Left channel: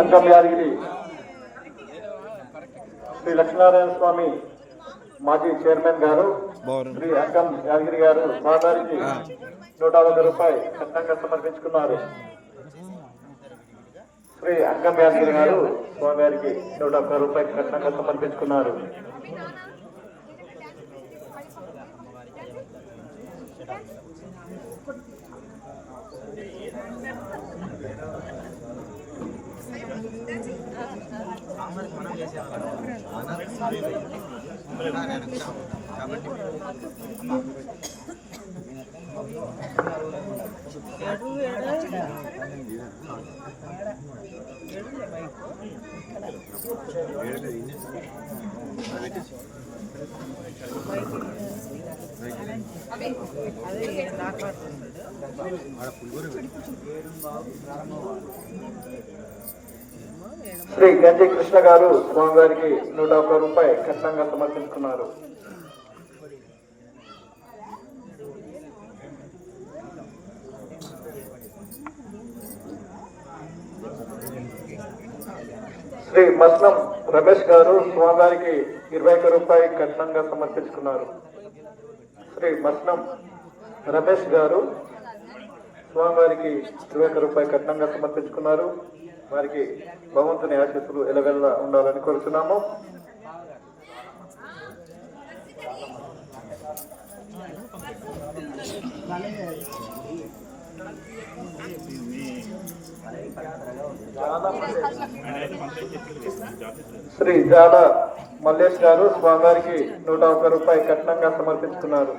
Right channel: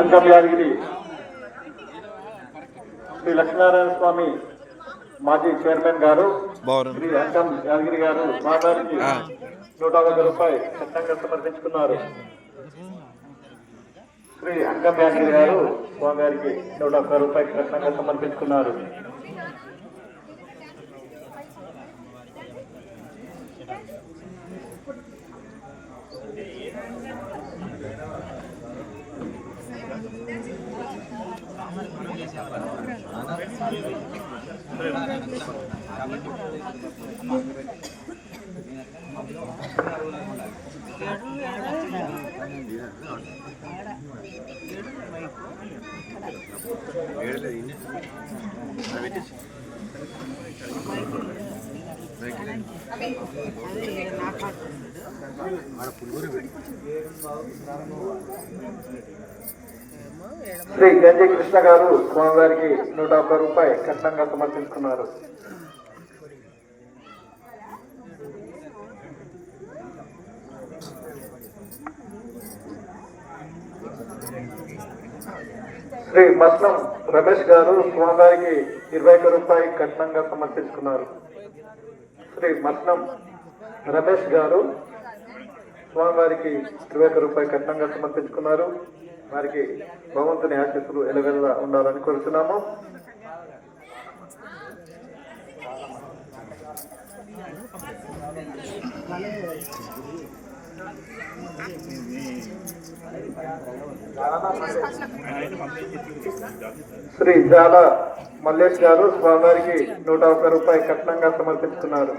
అంకం యాదగిరి శ్రీ లక్ష్మీనారాయణ స్వామి మాజీ చైర్మన్ గారు శ్రీ అంకం యాదగిరి గారు స్వామివారికి 150 రూపాయలు చట్టంగా సమర్పించుకున్నారు. శ్రీ అంకం యాదగిరి గారు స్వామివారికి 150 రూపాయలు చట్టంగా సమర్పించుకున్నారు. శ్రీ గంజి కృష్ణ గారు స్వామివారికి 150 రూపాయలు కట్నంగా సమర్పించుకున్నారు. శ్రీ మస్లం రమేష్ గారు స్వామివారికి 21 రూపాయలు కట్నంగా సమర్పించుకున్నారు. శ్రీ మస్లం రమేష్ గారు స్వామివారికి 21 రూపాయలు కట్నంగా సమర్పించుకున్నారు. వారికి భగవంతుని ఆశీస్సులు ఎలగల్లా ఉండాలని కోరుతున్నాము. శ్రీ జాల మల్లేష్ గారు స్వామివారికి 101 రూపాయలు కట్నంగా సమర్పించుకున్నారు.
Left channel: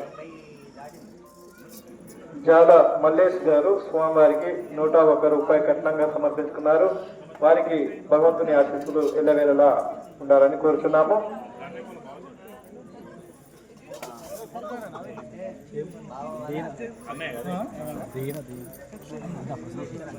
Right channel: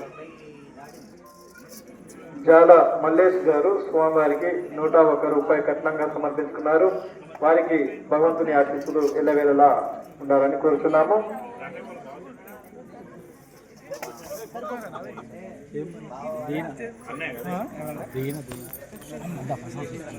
జాల మల్లేష్ గారు స్వామివారికి 101 రూపాయలు కట్నంగా సమర్పించుకున్నారు. వారికి భగవంతుని ఆశీస్సులు ఎల్లవేళలా ఉండాలని కోరుతున్నాము.